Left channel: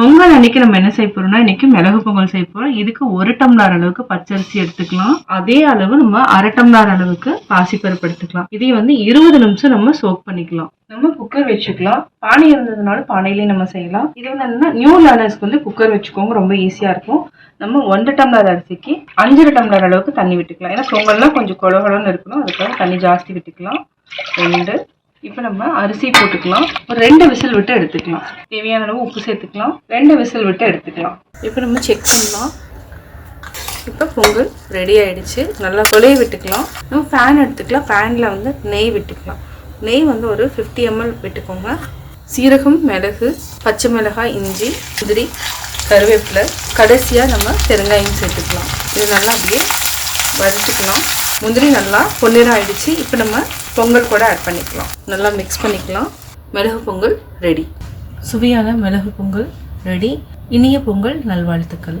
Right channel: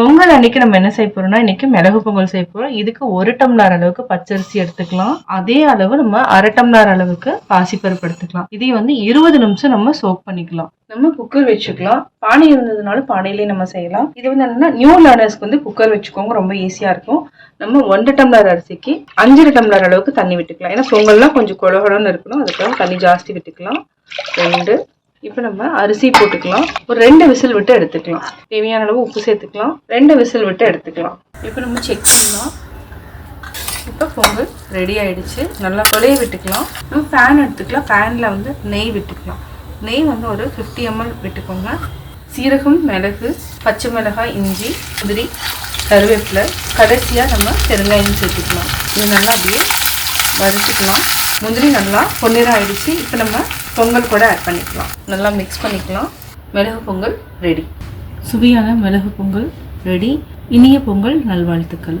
பொங்கல் அன்னைக்கு நம்ம என்ன செய்ய போறோம்னா, இன்னைக்கு மிளகு பொங்கல் செய்ய போறோம். இதுக்கு 1 டம்ளர் அளவுக்கு பச்சரிசி எடுத்துக்கலாம். அதே அளவு நம்ம 1/2 டம்ளர் அளவுக்கு பாசிப்பருப்பு எடுத்துக்கலாம். இதை வந்து 20 நிமிஷம் நம்ம சோக் பண்ணிக்கலாம். நம்ம குக்கர் வச்சுக்கலாம். பானை இருந்ததுனால பானையிலேயே நம்ம செய்யலாம். இது வந்து என்னன்னா நியூ லேர்னர்ஸ்க்கு வந்து குக்கர் வச்சுக்கோங்க, ரொம்ப ஈஸியா இருக்கும். நம்ம 1 டம்ளர் அரிசிக்கு 5 டம்ளர் அளவுக்கு தண்ணி விட்டுக்கலாம். ஏன்னா பொங்கல்லாம் கொஞ்சம் கொழகொழன்னு இருக்கணும், அதுக்காக தண்ணி ஜாஸ்தி விட்டுக்கலாம். 2. இப்போ நம்ம அரிசி போட்டுக்கலாம். ஒரு 2 விசில் விட்டு எடுத்துக்கலாம். தேவையான அளவு உப்பு சேர்த்துக்கலாம். 2 விசில் விட்டு எடுத்துக்கலாம். இப்போ நம்ம செக் பண்ணலாம். இப்போ பொங்கல் ரெடி ஆயிடுச்சு. நல்லா கொலைய விட்டுக்கலாம். நம்ம ஃபேன் எடுத்துக்கலாம். ஃபேனில் வந்து நெய் விட்டுக்கலாம். நெய் வந்து ஒரு 50 ml விட்டுக்கோங்க. சீரகம், மிளகு, பச்சை மிளகாய், இஞ்சி, முந்திரி, கருவேப்பிலை, கடைசியாக நம்ம பெருங்காயம் சேர்த்துக்கலாம். இது நல்லா அப்படியே வறுத்துக்கலாம். முந்திரி நல்லா பொன்னிறம் ஆயிடுச்சு. இப்போ நம்ம பொங்கல் கூட ஆட் பண்ணிக்கலாம். நல்லா மிக்ஸ் பண்ணிக்கலாம். மிளகு பொங்கல் ரெடி. சுவையான மிளகு பொங்கல் ரெடி. இனிய பொங்கல் நல்வாழ்த்துக்கள்.